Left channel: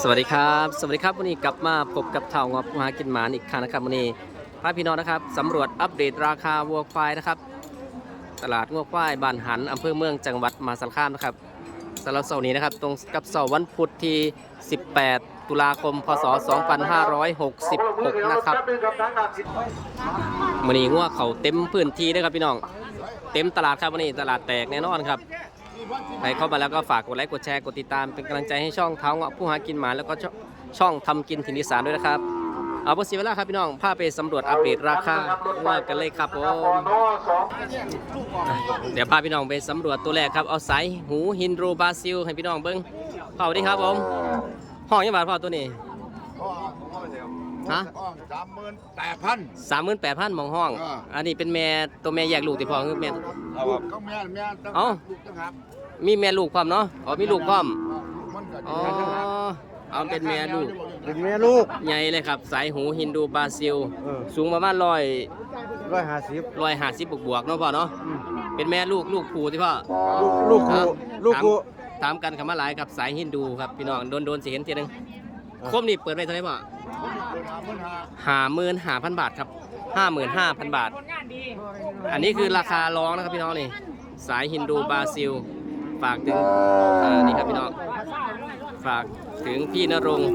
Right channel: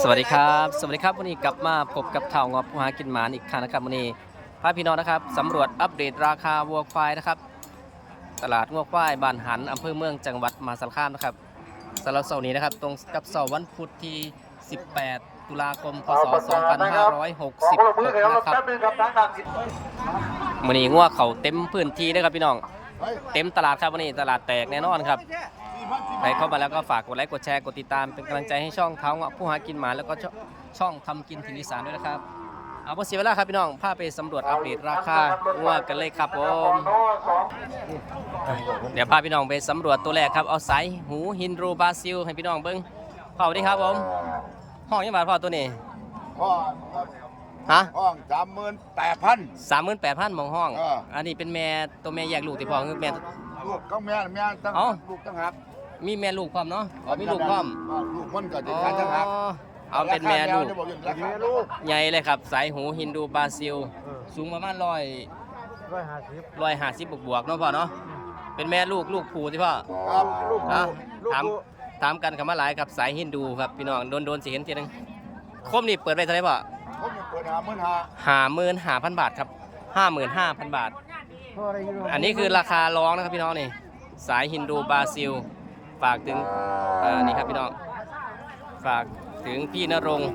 สวัสดีครับ สวัสดีครับวันนี้กลับมาพบกับเท่างอบผู้หากินหมานอีกครั้งนะครับวันนี้พาพี่น้องนะครับสำรวจอัปเดตราคาวัวควายนะครับ ตลาดวัวควายบ้านหันอำเภอเมืองจังหวัดมหาสารคามนะครับสำหรับเสาร์นี้นะครับ ตรงกับเสาร์วันพุธที่ 18 ตุลาคม พศ 2566 นะครับวันนี้งัวเขาเต็มพื้นที่เลยครับพี่น้อง เต็มตลาดครับวันนี้ตลาดแตกแน่นอนครับ ใครเข้ามาแล้วก็ฝากกดไลค์กดแชร์กดติดตามเป็นกำลังใจให้ช่องเท้าเงาะผู้หากินหมาแล้วก็ช่องทำกินถิ่นอีสานด้วยนะครับเอาเพื่อเสียเวลาครับพี่น้องพาไปสำรวจอัปเดตราคาว่ากันเลยครับผมเดี๋ยวพาพี่น้องไปสำรวจตัวแรกครับเอาสายหูฮินโดรบราซิลให้พี่น้องเบิ้งพ่อสวัสดีครับผมห้องยังบาทพ่อตัวนี้ ฮะ ห้องสามหมื่นแปดพัน สามหมื่นแปดพันมองห้อง อ่า อันนี้เป็นแม่ตัวแม่แยกลูกที่พ่อคือแม่ ลูกก็แม่แม่ตั้งเอ้า ลูกตั้งหักมีแม่ลูกความเนาะอ๋อมีลูกความลูกมันก็จะอ๋อแม่ตั้งหักเอาเป็นแม่ลูกแม่ลูกใหญ่เลยครับ สายหูฮินดูบราซิล สูงประมาณร้อยร้อยห้าสิบร้อยห้าสิบบวกบวกๆเนาะพ่อเนาะเป็นแม่ลูกลูกผูที่พ่อ ลูกฮะลูกถามกูถามกันคำว่าหลายครับสายฮินดูครับพี่น้องโดนโดนสิเห็นทีนึงคมนี่เปิดไปเท่าไหร่พ่อผมเปิด หาหมื่นห้าห้าหมื่นห้าพันบาทครับห้าหมื่นห้าพันบาท อันนี้คือราคาร้องนะครับพี่น้องนี่ สายฮินดูบราซิล ฝากถึงเอ่อนี่ครับพี่น้อง ฝากถึงพี่นรงค์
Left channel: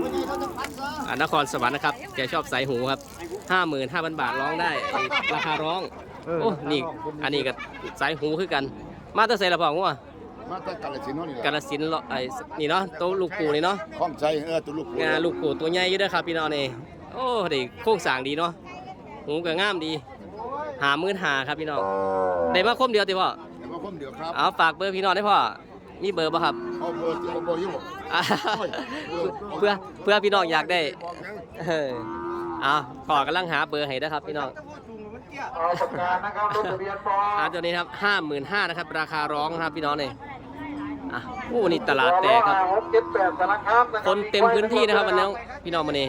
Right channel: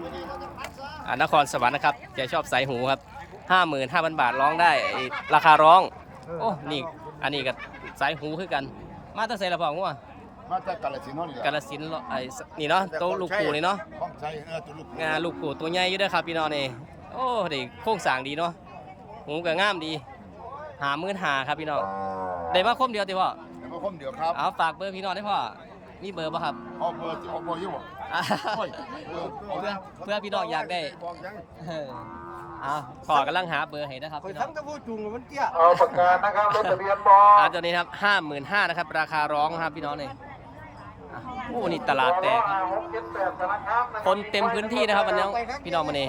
อ่านครสวรรค์นะครับ แกชอบสายหูครับห้าหมื่นห้าพันบาทร้องได้ไอ้ราคาร้อง โอ้ นี่ อันนี้ก็สายหูคือกัน มาตั้งใส่ละพองัวมาจากกาลสินธุ์เนาะนี่แหละกาลสินธุ์เลาะไอ้สนี่เนาะโตวลูกปูนี่เนาะข้องใจเออตัวลูกงาลูกปูตัวใหญ่อยู่เด้อครับพี่น้องนี่ โอ้เด็กโค้งสร้างดีเนาะหูก็งามดี หามื่นหาครับพี่น้องได้มาคมเดียวติพ่อเดี๋ยวมาคมเดียวครับเอาฝากเบอร์พี่น้องได้พ่อมีเบอร์ป่ะครับเอาเบอร์ที่เอาเบอร์อยี่บ่อ่าโอ้ยเบอร์เพื่อเพื่อพี่น้องอยากได้บอกยังเออเอาขอกำลังหาเบอร์ให้นะครับพี่น้อง เอาปากกานะครับรถทะเบียนบออ่าตัวนี้ครับห้าหมื่นห้านะครับ ราคาร้องนะครับพี่น้องนี่ อะโอ้วันนี้ตลาดแตกครับ คนเต็มพื้นที่นะครับวันนี้พี่น้องมาเนี่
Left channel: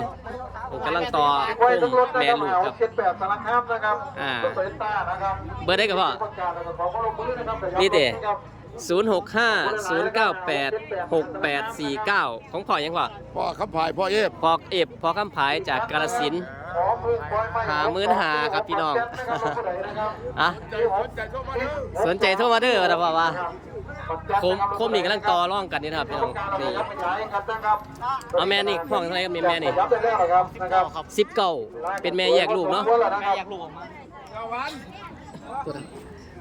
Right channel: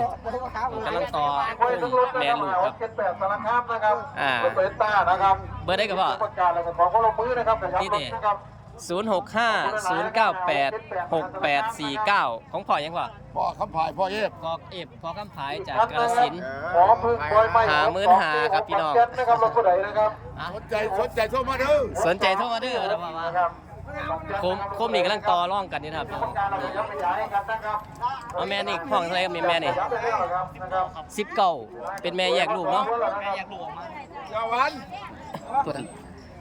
ผมกำลังต่อพุ่มแม่ลูกครับเจ็ดแปดสารคามนะครับอ่ารถโตโยต้านะครับเบอร์ได้กับพ่อประกาศแล้วก็ขอความร่วมมือนะครับนี่เต๋ศูนย์หกห้าศูนย์เก้าแปดหกแปดสี่เก้าของพ่อยังพ่อพ่อคำพายพ่อเอฟพ่อเอฟพ่อคำผายจากกาลสินธุ์ขอมือปล่อยไม้หามื้นหาครับพี่น้องนะครับรถผู้ใดนะครับอะใจสนใจโทรมาเด้อสนใจโทรมาเด้อนะพ่อว่า โคมโคมนี่กำลังต่อร่องกันนี่นะครับพี่น้องนี่ขยายครับนะครับเอาแม่นี่ห้องเท่าไหรครับแม่นี่ย้ำไปแล้วนะครับนะครับสิบเก้าเป็นแม่แยกลูกเนาะอยากลูกออกมาเจ้าวัน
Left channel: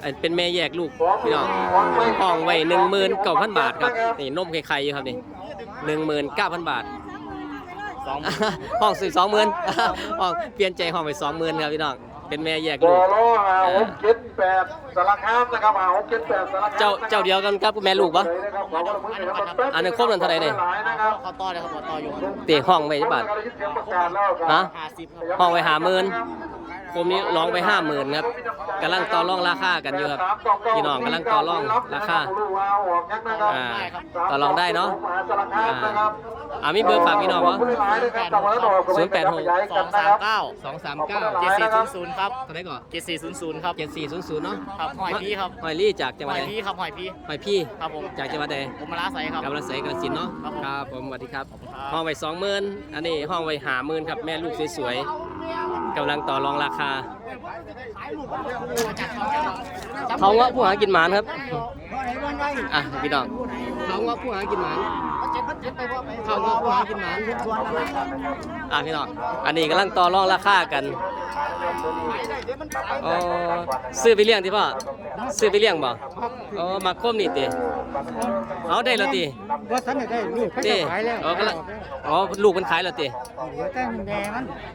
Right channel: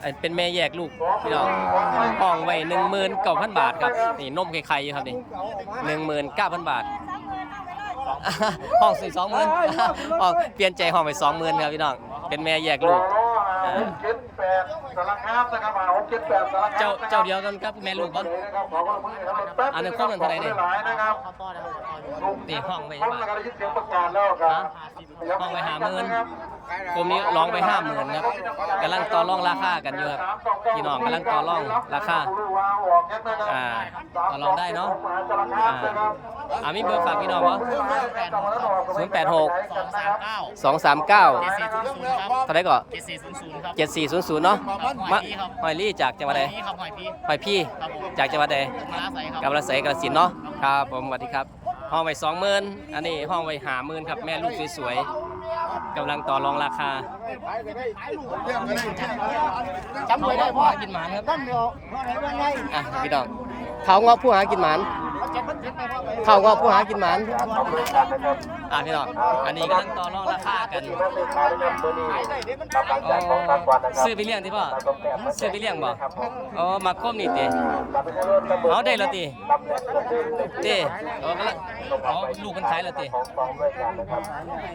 ไอ้เป็นแม่แยกลูกพี่น้องห้องไว้หนึ่งหมื่นเก้าพันบาทครับนี่นมไข่ๆอยู่ครับนี่หนึ่งหมื่นเก้าพันบาทห้องสี่สองหมื่นห้องเปลี่ยนใจห้องไปสองหมื่นครับพี่น้อง เป็นแม่แยกลูกเออเจ็ดแปดสารคามนะครับหาเจ็ดแปดสารคามเจ้าเจ้าเดียวกันครับแม่ลูกปะนะครับขอความร่วมมือนะครับแป๊บอันนี้ครบแล้วเท่าไหร่เนี่ยหลายนะครับเตะห้องไปใช่ปะการได้ยินเสียงประกาศแล้วครับฮะห้องไว้หาหมื่น คมนี้ร้องไปห้าหมื่นครับกำลังต่อรองราคากันอยู่ครับพี่น้องกำลังต่อรองราคาอ่าต่อรองได้เนาะอ่าอ่ามีเบอร์ฝากพี่น้องเหรอศูนย์แปดหกสองสามเก้าสองสามเก้าเจ็ดสี่ศูนย์ศูนย์ครับเท่าไหรก่อนเจ็ดสี่ศูนย์ศูนย์ครับเจ็ดสี่ศูนย์ศูนย์เนาะครับหอยมาพี่ครับหอยลี่จากจังหวัดใดหอยพี่ครับหอยพี่หอยพี่ครับผมจากจังหวัดใดผมมาลาใสครับกำลังใส่กระสินธุ์เนาะครับผมสวัสดีครับห้องไว้สองหมื่นอันนี้ห้องไว้หาหมื่นครับแม่ลูกสวยๆ กำลังต่อรองราคาเขาเงาะผู้หากินหมานครับอะพี่น้องเขาเงาะผู้หากินหมาน เขาเงาะผู้หากินหมานอะพี่น้องอันนี้กำลังต่อรองราคากันอ๋อซื้อไปเลี้ยงที่พ่อซื้อไปเลี้ยงบ่อ๋อมาคมนี่ติเอาได้แล้วติเต้อ๋อกำลังอ๋อลูกมันขายแล้วเต้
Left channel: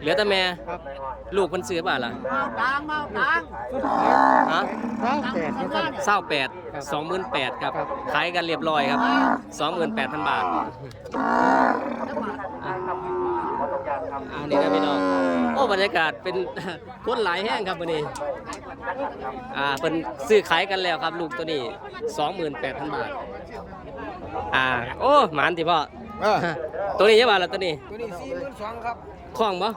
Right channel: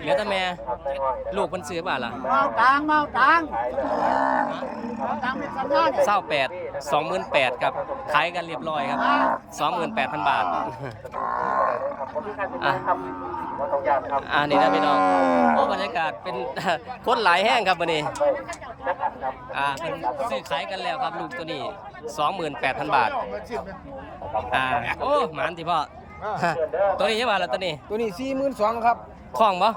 เหลือแต่แม่ลูกมันซื้อบ้านล่ะเมาตังเมาตังฮะตังตังตังเศร้าแปด สองหมื่นแปดครับขายกันเรียบร้อยครับสองหมื่นแปดพันบาทอะอ่านี่นะพี่น้องโอ้บรรยากาศเป็นคนหลายแห้งครับวันนี้อ่าเป็นซื้อขายกันแล้วครับ ลูกตัวนี้สองหมื่นแปดพันบาทอ่าโอ้หมานที่พ่อตัวนี้เยอะบาทละตัวนี้ ตัวนี้สี่หมื่นสองครับ ท้องบ่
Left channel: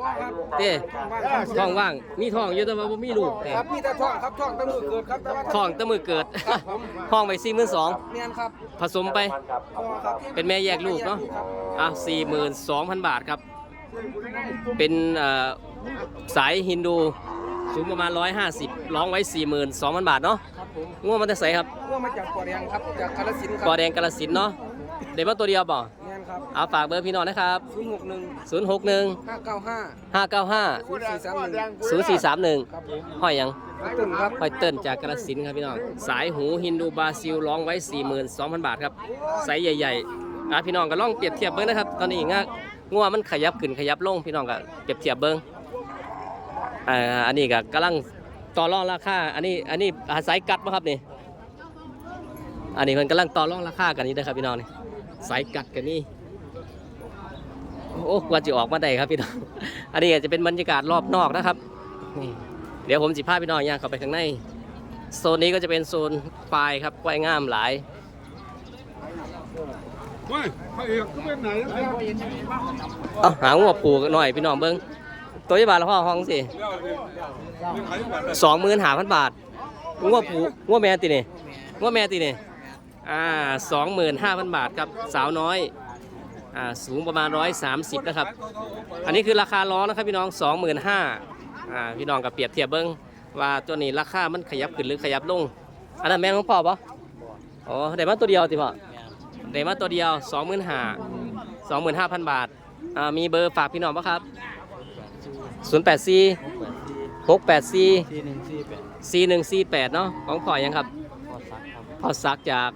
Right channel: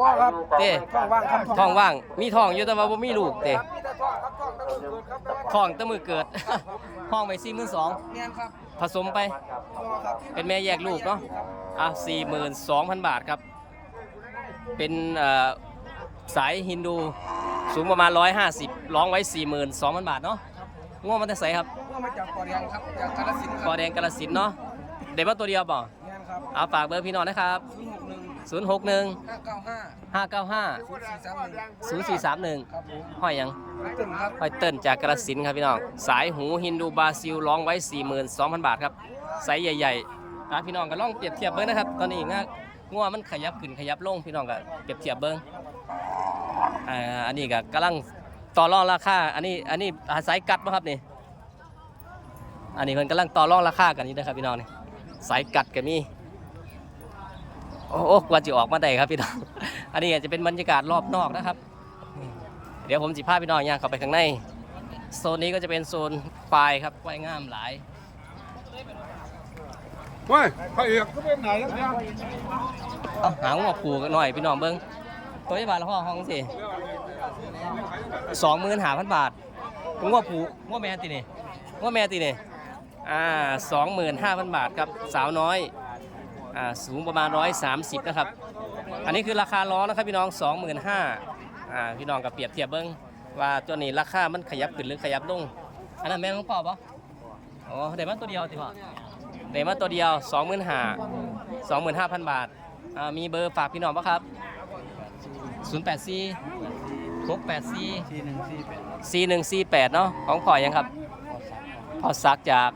บ่ครับเต้ท้องว่างครับท้องว่าง มีท้องอยู่แต่ว่าบ่มีลูกเต้ครับพี่แต่ท้องครับท้องตั้งมือเกิดครับแต่ว่าท้องแต่มือเกิด ห้องไป42,000เนียนครับผสมไปพอครับเป็นแม่แยกลูกเนาะอะ42,000บาทครับ เป็นสายฮินดูสูงประมาณ 150ร้องไว้ 42,000 บาทเนาะครับผมง่วงมันจะใสครับพวกมาจากปอแดงครับจากกาฬสินกอแดงกาลสินเนาะเดี๋ยวมาตัวเดียวบ่เนียนครับเอาฝากเบอร์พี่น้องนะครับ061 061 595 595 0431 0431ครับผมห้อยหยังกระตึงครับห้อยเติ้นจากกาลสินธุ์ครับพี่น้อง สายหูฮินดูบราซิลร้องไว้42,000บาทครับไซส์ใหญ่ๆอะพี่น้องก็ลองเปรียบเทียบเบิ้งนะครับ ตอนนี้ง่างัวมันขยับขึ้นขยับลงพี่น้องก็เปรียบเทียบเบิ้งอ่าอันนี้ก็กำลังต่อรองราคา อันนี้ อันนี้อาศัยกัดป่ะครับนี่ อันนี้เพิ่นกำลังต่อรองราคากันนี่นะครับพี่น้องนี่สายกัดกันนี่ โอ้โอ้กว่าจะออกมาได้ครับพี่น้อง อันนี้อาจจะเป็นบรรยากาศรอบนอกนะครับนี่เดี๋ยวผมสิพาพี่น้องย่างเข้าไปข้างใน โซนนี้ก็จะเป็นโซนควายครับควายงามหลายเฮ้ยพระเอกก็เป็นไหนแล้วเนี่ยเอาหาหัวผูกหน่อยพี่น้องเบิ้งตัวยี่บาทละพ่อห้องสิสองหมื่นหาพันบาทงัวผูงัวแม่ตีนี่งัวแม่ตีนี่อ่าสองหมื่นห้าพันบาทครับสาวน้อย อ่าสูงประมาณร้อยสามสิบนะครับ อันนี้คือราคาล้อนะครับพี่น้องสองหมื่นห้าอ่าพี่น้องกับเปรียบเทียบเบิ้งว่าตัวนี้ราคามันขยับขึ้นหรือขยับลง อันนั้นแม่นของพ่อปะอ๋อได้มาตัวเดียวติพ่อได้มาตัวเดียวสองหมื่นห้าสองหมื่นห้าพันบาทอ่ามีเบอร์ฝากพี่น้องปะครับ 0 8 4 6 8 4 4 1 4 8 เนาะของพ่อยังครับพ่อซักจาก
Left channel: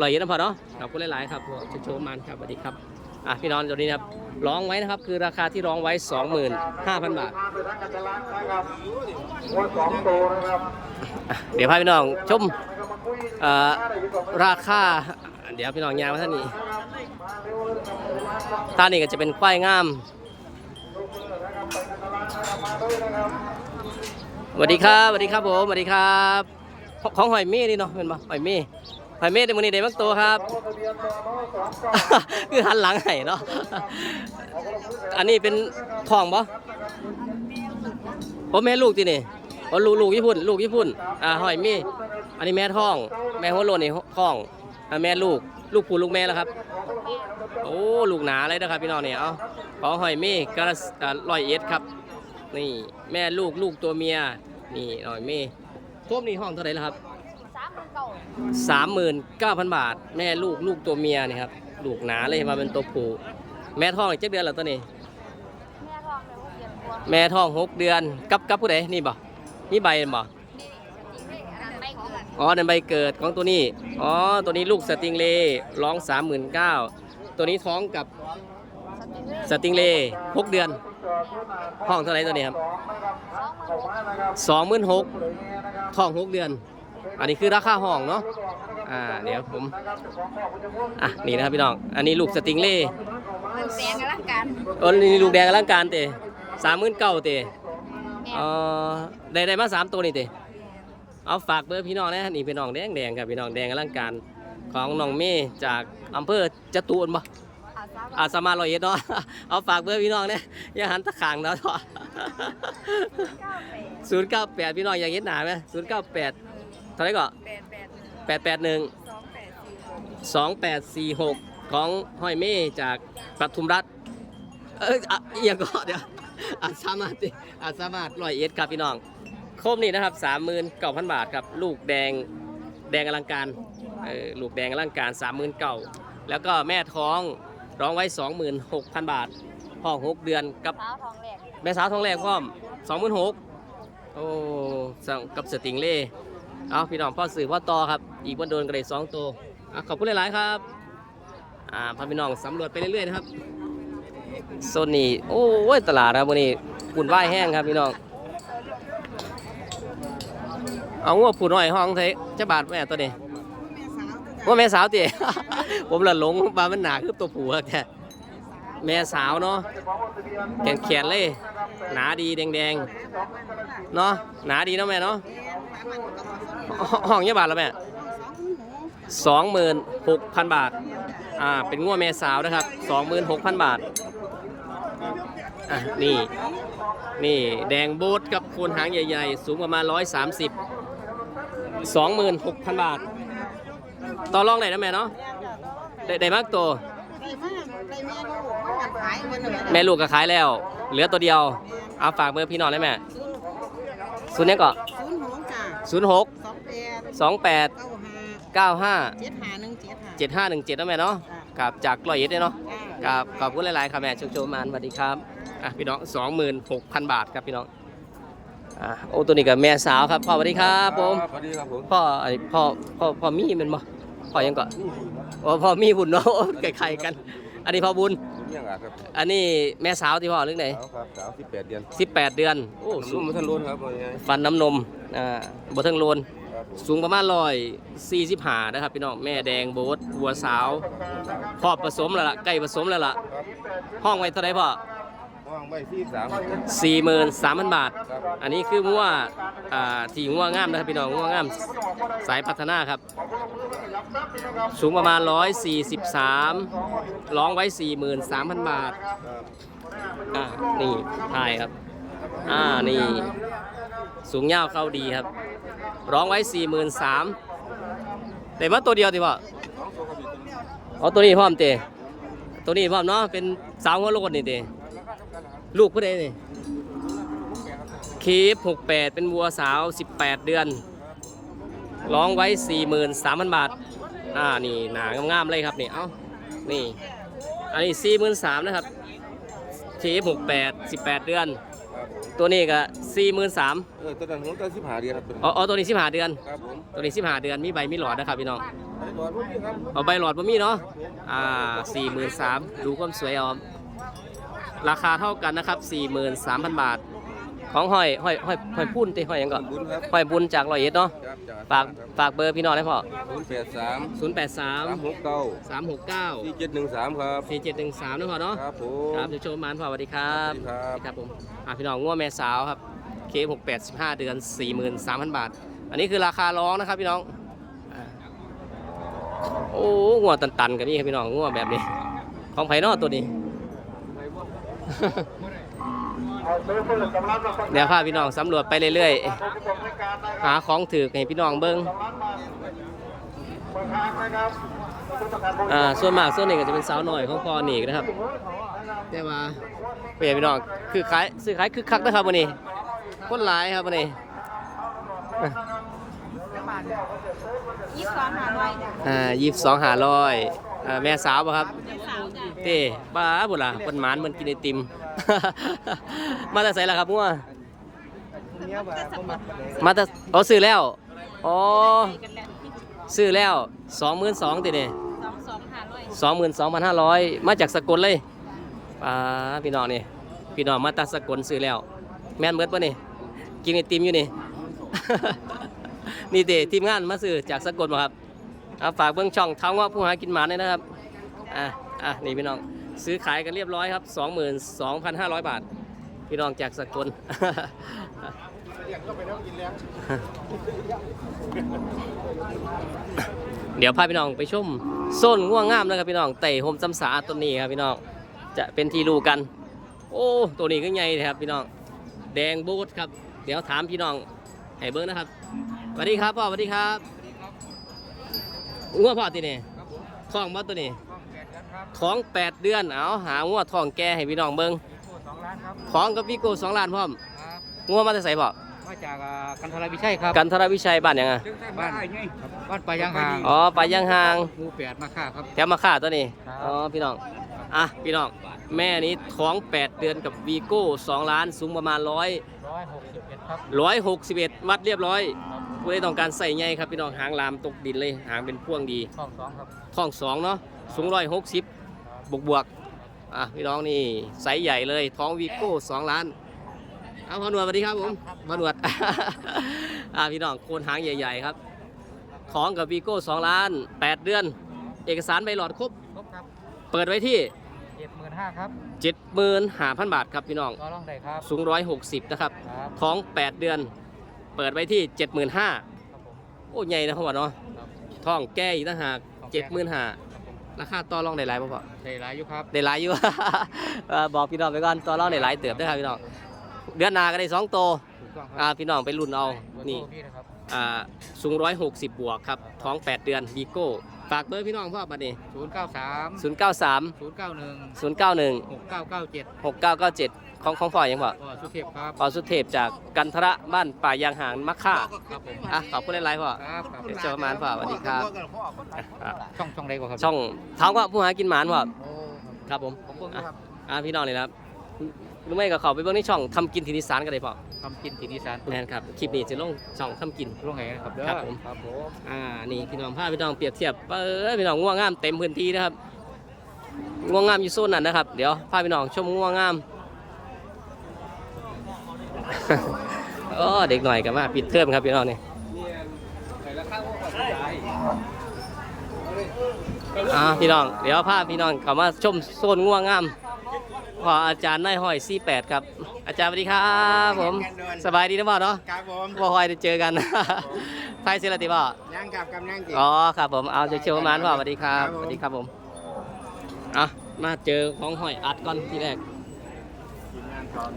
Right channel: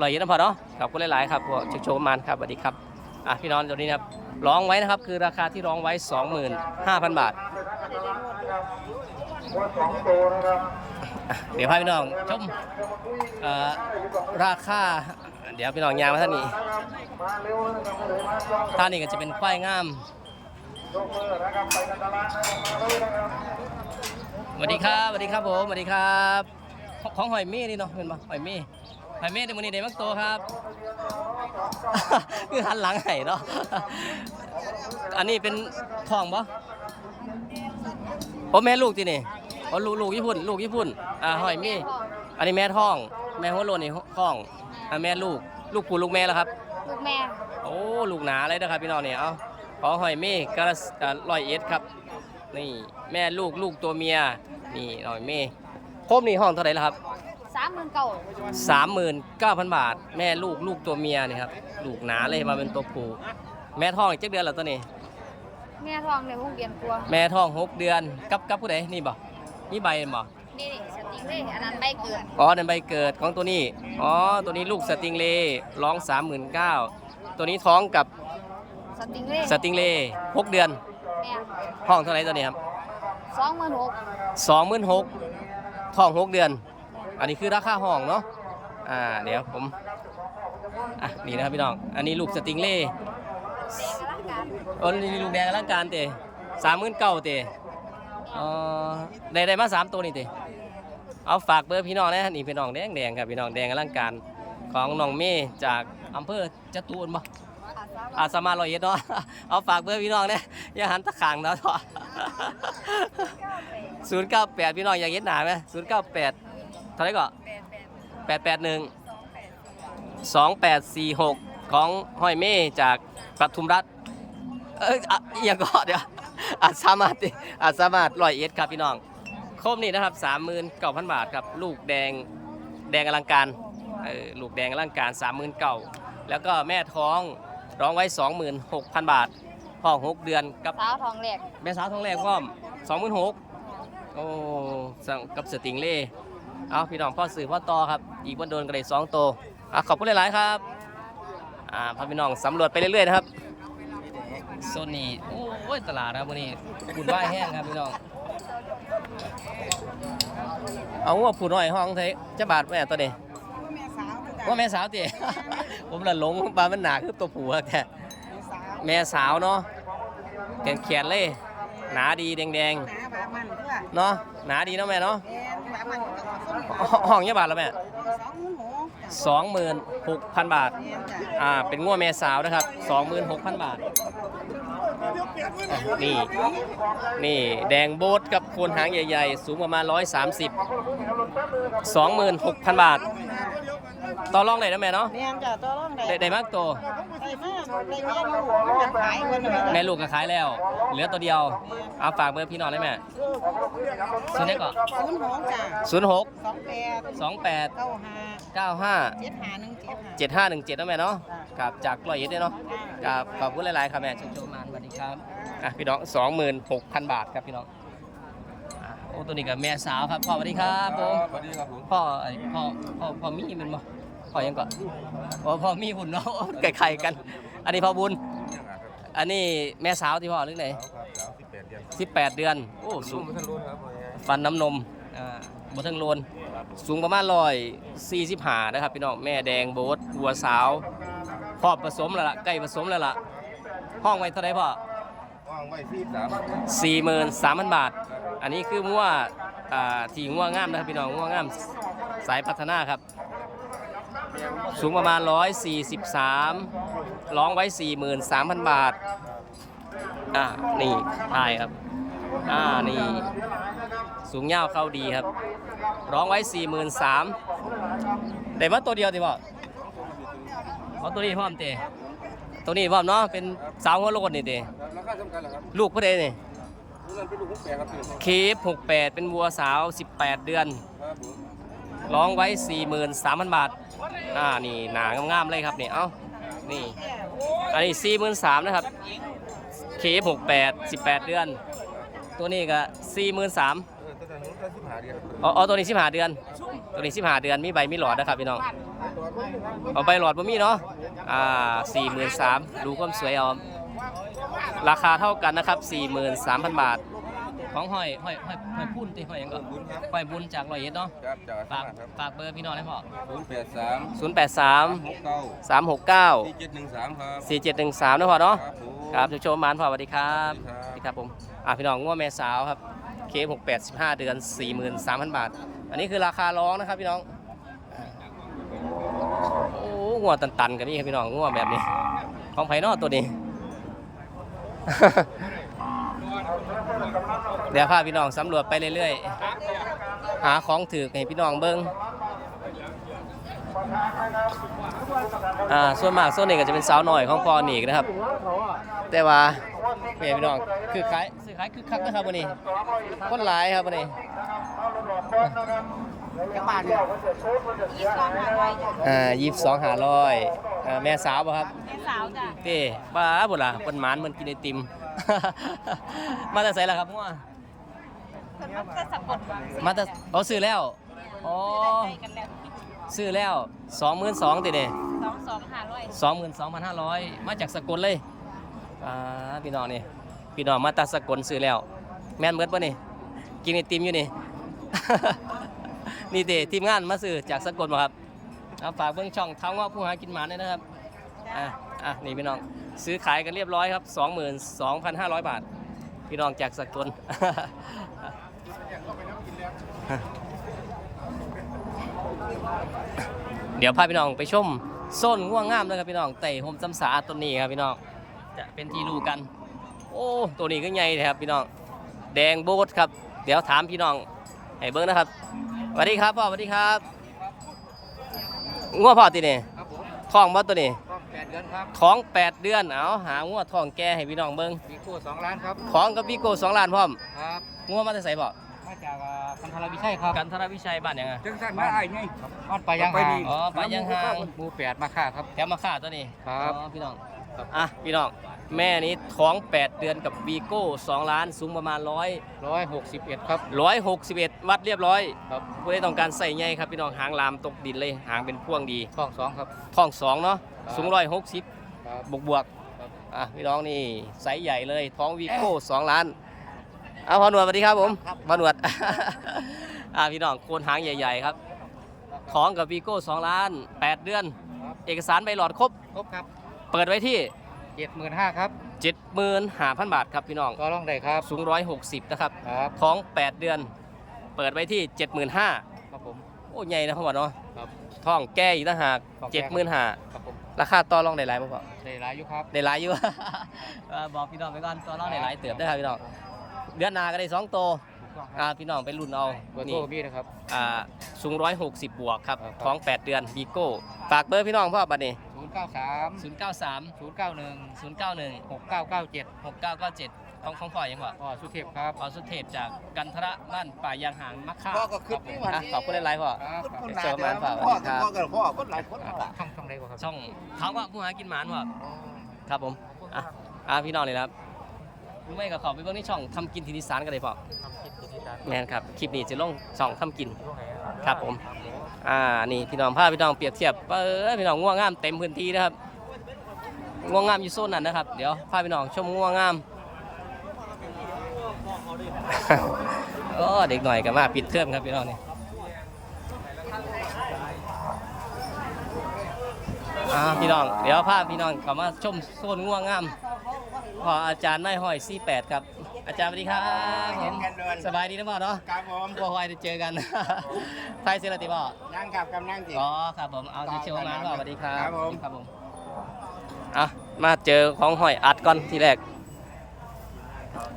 ลอยเย็นนะพ่อเนาะขอบคุณหลาย ๆ ครับพวกชุกโชว์มันครับสวัสดีครับ อะพี่น้องตัวนี้นะครับร้องไว้นะครับคือราคาที่ร้องไว้ 25,000 บาทสองตัวนะครับอะเดี๋ยวพาพี่น้องชมเอ่อราคาเดี๋ยวพี่น้องยางมาท่านนี้ท่านนี้ก็จะเป็นควายงามสวัสดีครับสวัสดีครับผมสวัสดีครับ ของของหอยเม่นี่เนาะเป็นปะหอยเม่หอยเม่ในมือนี้เด็มักตัวครับ คือหันหลังให้เนาะ อันนี้เป็นทองปะผมแม่ลูกที่นี่อ๋อลูกลูกญี่ปุ่น ลูกญี่ปุ่น อ่าหอยเม่อันนี้แม่ท้อง แม่หัวโลนนี่ท้องอ่าแม่ลูก ลูกผู้ลูกแม่แล้วครับ ลูกแม่ โอ้ ลูกหนาเลยนะครับพี่น้องเนี่ยเอาของหอยเม่กระลอยเอ็ดครับ นี่แม่ลูกลูกตัวเมีย นี่หอยเม่ครบนี่ห้องเท่าไหร่แล้วครับสามหมื่นเก่าสามหมื่นเก้าพันบาท แม่ลูกลูกตัวเมียนี่ครับ ลูกหนาเลยมาเป็นตัวผู้แม่ท้องอีกเจ็ดเดือนแล้วตัวนี้ แม่ทองในห้องเรียนกลัวแม่ท้องหกเดือนกับกับผู้ใดนี่บ่มีใบบ่นี่สติงเล่อันนั้นไม่เกินอ๋อในใบเกิดของตัวนี้อ๋อตัวนี้ลูกสติงเลร้องสามหมื่นเก้าตัวนี้ท้องกับสติงเล่สติงเลหกเดือนแม่ห้องเท่าไหร่ตัวนี้ครับสองหมื่นหกสองหมื่นหกทองหกเดือน อันนี้คือราคาห้องเนาะอ่าเดี๋ยวผม อะนี่นะครับพี่น้อง อันนี้ลูกสติงเล่มันแสงกันละกันโอ้นี่ลูกแดงอลังการเตะสามหมื่นเก้าเตะเอ่อได้ได้มาสามตัวนี่เตะเอาฝากเบอร์พี่น้องนะนี่พี่น้องแดงแดงครับพี่น้องแดงอลังการของน้องเมย์จากอำเภอจตุรบ่อาสาอาสามารถร้อยเอ็ดเนาะเอาฝากเบอร์พี่น้องเนี่ยอย่าหันตะขางเนาะศูนย์เก้าแปดพี่น้องอยากเห็นหนาไหมศูนย์เก้าแปดเท่าไหรก็แปดแปดแปดแปดหนึ่ง สองแปดสี่หกสองแปดสี่หกของห้อยเม่จากปทุมรัฐ เอยอะอหย่างก็เดี๋ยวอาจสามารถดิอาจสามารถร้อยเอ็ดครับพี่น้องโคมนี่นะครับสามหมื่นเก้าพันบาทครับ ลูกแดงแดงอลังการเออลูกแดงอลังการสามหมื่นเก้าแล้วก็แม่ท้องร้องไว้สองหมื่นหกพันบาทพ่อหกเดือนกับสาวทองแหลกแม่สาวท้องแรกพร้อมสองหมื่นหกโอ้สั่งกับสติงเล่เอาพี่น้องพ่อสื่อพ่อต่อครับ อีกวันโดนกระไดสองโตว อะขอบคุณหลาย ๆ ครับ อ่าพาพี่น้องสำรวจไปเรื่อย ๆ นะครับโซนนี้โอ้ยตลาดนะครับวันนี้บุญว่ายแห้งครับพี่น้อง เอางัวผูน้อยห้องเทจะบาทแม่ตัวนี้ว่าแม่สาวตีผมละหลงบามันหนาคือตัวผูครับแต่แม่สาวเนาะแขนแขนเลย หนาดีแดงๆเนาะหนาดีเนาะแม่เนาะห้องเยอะบาทแล้วแม่ สองหมื่นหกพันบาท อ่า เป็นง้วแม่สาวนะครับสองหมื่นหกพันบาท อะ นี่ นี่แดงโบทกับโคนหางใหญ่ๆ สูงประมาณ 130 26,000 บาท ต่อรองไหนนะแม่เนาะ แม่จ้ะตัวร้องได้ได้มากตัว ได้มากได้แม่ลูกมันกันขายวันหนึ่งแม่ลูกก็ขายแล้ว เหลือตัวเดียว เอาฝากเบอร์พี่น้องได้ไหมศูนย์ศูนย์นี้ก็ศูนย์หกจ้ะศูนย์หกสองแปดสองแปดเก้าห้า เก้าห้าเจ็ดห้าหนึ่งเจ็ดห้าเจ็ดห้าหนึ่งเจ็ดนะแม่เนาะจ้ะกับจากร้อยเอ็ดเนี่ยเนาะ จ้ากับขอบคุณหลาย ๆ ครับแม่ชุบชมมานสวัสดีครับอะพี่น้องสองหมื่นหกพันบาทครับพี่น้องอะโอ้ตัวนี้กับแม่สาวครับพ่อสวัสดีครับผมสวัสดีครับผมพ่อไอพ่อพ่อพ่อมีเป็นบ่พ่อยังก่อนอ๋อพ่อมีบุญเนาะไก่ไข่กัน อันนี้พ่อบุญเนี่ยครับอันนี้แม่สาวที่พ่อเรื่องไหนครับสาวสิบแปดเดือนสิบแปดเดือนโอ้สูงมาท่านรุ่นครับฟันน้ำนมอ่าบเทิงโลน สูงประมาณร้อยสี่สิบห้านะครับพี่น้องแม่แดงโบสวัวสาวพ่อผสมแล้วล่ะใกล้ผสมแล้วล่ะห้องไว้เท่าไหรพ่อว่างใบสี่สามสี่หมื่นสามพันบาท อันนี้คืองัวอ่าที่งัวงามนะครับพี่น้องงัวงามสายพัฒนาครับ สูงประมาณร้อยสี่สิบสามร้องไว้สี่หมื่นสามพันบาท อ่านี่ถ่ายครับ อ่านี่ สูงยาวเข้าดีครับ ร้องไว้สี่หมื่นสามแต่ว่าตัวเดียวติพ่อเอาตัวนี้พร้อมเตตัวนี้พร้อมเนาะเป็นสาวหัวโลดนี่เตลูกผู้ใดนี่คีฟหกแปดเป็นวัวสาวสิบแปดเดือน ร้องไว้สี่หมื่นสามพันบาท อ่านี่หนางามๆเลยครับนี่เอ้านี่อันนี้สี่หมื่นสามนะครับคีฟหกแปดสิบแปดเดือน ตัวนี้ก็สี่หมื่นสาม ออตัวนั้นผมตั้งสิบห้าเดือนครับอ๋ออ๋อตัวนี้สิบห้าเดือน ครับผมตัวนี้สิบห้าเดือนมีใบมีหลอดนะครับพี่น้องไปก่อนผมครับเอาใบหลอดบ่มีเนาะอ่าสี่หมื่นสามดูความสวยเอาราคาเท่ากันนะครับสี่หมื่นสามพันบาท ของห้อยห้อยห้อยห้อยพุ่นตีห้อยหยังก่อนบุญครับห้อยบุญจากร้อยเอ็ดเนาะครับจากฝากครับฝากเบอร์พี่น้องได้พอศูนย์แปดสามศูนย์แปดสามหกเก้าสามหกเก้าสี่เจ็ดหนึ่งสามครับสี่เจ็ดหนึ่งสามนะพอเนาะ ครับผม ครับโชว์มานพอสวัสดีครับสวัสดีครับ สวัสดีครับผม อ่าพี่น้องง้วแม่สาวครับ เคหกแปดสิบห้าเดือนสี่หมื่นสามพันบาท อันนี้คือราคาร้องนะครับพี่น้องอ่าโอ้งัวตันๆกับนี่ครับพี่น้องงัวแบบนี้ ของไผ่นอตัวนี้ เดี๋ยวพาพี่น้องสำรวจไปเรื่อยๆ หาของถือให้พี่น้องเบิ้งอ่าส่วนมากส่วนนี้ก็จะเป็นสาวหน่อยของพอหนีกนะครับ แต่ว่าเปลี่ยนพี่น้องคือขายซื้อขายคือคักนะครับวันนี้ คนหลายครับวันนี้ยี่สองหาร้อยจ้ะอ่ายี่สิบสองหาร้อยอ่าแม่สาวป่ะครับแม่สาวจ้ะเต้บ้าบุล่ะเปิ้นหมานมันกินไอติม มาแต่ใส่ละครับงัวเพิ่นมันก็สะกดวางมาแต่อ๋อซื้อแล้วอ๋อไปกันแล้วซื้อแล้วสองหมื่นสองติเนี่ยสองสองหาร้อยสองหมื่นสองพันห้าร้อยมาจากสกลเลยป้าพี่น้องนี่พี่น้องมาตัดสกลซื้อแล้ว แม่นเบิดปะนี่ กินไอติมอยู่นี่ นี่เตทีมงานมาซื้อจากสกลมาครับเอาฝากเบื้องช่องเท้างาผู้หากินหมาเลยนะครับ อะอะนี่พี่น้องซื้อขายกันเรียบร้อยครับ 22,500 บาท พี่น้องจากสกลเดี๋ยวพาพี่น้องไปชมโซนง่วงงามนะครับพี่น้องไต่โฮมจำสาต้นนี้ครับพี่น้องจะเป็นที่รู้กัน โอ้ตัวนี้ก็ใหญ่เลยครับพี่น้องแดงโบดครับ เดี๋ยวถามพี่น้องให้เบิ้งนะครับสวัสดีครับพ่อสวัสดีครับง่วงพ่อตีนี่ท้องบ่ตัวนี้แปดเดือนครับท้องแปดเดือนเอาหาง่วงท้องแก่ให้พี่น้องเบิ้งมีคู่สองล้านครับท้องกับวิโก้สองล้านพร้อมครับง่วงมาแต่ใส่พ่อมาจากอ่ากันทรวิชัยครับกันทรวิชัยบ้านหยังอะบ้านครับบ้านปลายางหางอ๋อไปยังห่างหมู่แปดมาค่าครับแถมมาค่าตัวนี้ครับอ๋อพี่น้องอะพี่น้อง แม่นี้ท้อง 8 เดือนกับวีโก้2ล้านสูงประมาณ100ร้อยหกสิบเอ็ดครับ161วัดเรียบร้อยครับผู้ใดต้องการใส่ใหญ่ครับพี่น้องหางลามตกดินเลยหางเป็นพ่วงดีท้องสองครับท้อง2เนาะสูง160ครับบวกบวกๆอะพี่น้องนี่ไซส์ใหญ่เลยท้องวีโก้2ล้านเอาพอหนวดสวัสดีครับผมพอหนวดอะพี่น้องโคนหางใหญ่ ๆครับท้องกับวีโก้2ล้าน8เดือน เอกสารใบหลอดครบครบครับ เปิดไว้ที่ เจ็ดหมื่นห้าครับ75,000บาทครับพี่น้อง ก็ร้องได้ครับสูง160นะครับ ครับท้อง 8 เดือน เปิดไว้ที่ 75,000ครับผม โอ้ใหญ่นะพ่อเนาะครับท้องแก้อีกต่างหากท้องแก่ 75,000ครับผมราคาต่อรองได้หลายบ่พ่อได้หลายอยู่ครับได้หลายอยู่ เอ่อบอกพี่น้องไปก่อนต่อรองได้หลายเติบเด้อครับพี่น้อง เดือนหน้าก็ได้สองโตวถูกต้องคอ่ารับพี่น้องไปรุ่นเอา เบอร์นี่โทรพี่นะครับ อ่าสูง160 บวกครับ ท้อง 8 เดือนบีโก้ ฝากเบอร์พี่น้องพ่อบัดนี้ศูนย์เก้าสาม093ศูนย์เก้าหนึ่ง091หกเก้าเก้าเจ็ด6997ของของพ่อยังบ่พ่อสุเทพครับพ่อสุเทพจากกันทระบ้านป่ายางหางมักค่าครับผมอะขอบคุณหลายๆพ่อครับครับเดี๋ยวเจอประมาณพ่อสวัสดีครับอะช่องช่องใดบ่ครับช่องเท้าก็ผู้หากินหมานพ่อครับผมอะอะพี่น้องเลยนะครับรู้ไหมก็เขาไปเบิ่งในช่องทำกินทีนิสานกันเลยพ่อทำกินที่นิสานแม่นครับคลิปนี้จะลงช่องทำกินลุงไงนะครับเด้อครับผมครับผม อ่านี่พี่น้องพาพี่น้องเปรียบเทียบเปิดพี่น้องง่วงงามเต็มพื้นที่นะครับง่วงงามอยู่โซนนั้นนะครับ เดี๋ยวพาพี่น้องชมง่วงงามโอ้เด็กหน่อยก็มาปิดเทอมครับพี่น้องนี่อ่าพี่น้องเดี๋ยวพาพี่น้องเข้ามาชมโซนง่วงงามพออาจารย์นายห้อย48ครับ อาจารย์สวัสดีครับผม สบายดีนะบ่เนาะครับผมบ่ค่อยได้เจอกันไฟเซลติบ่ยังกับกำลังจิอ๋อครับผมเอาเชียวๆมานพ่อสวัสดีครับครับผมสวัสดีครับผมอะมาเจอของหอยอัดก่อนทีแรก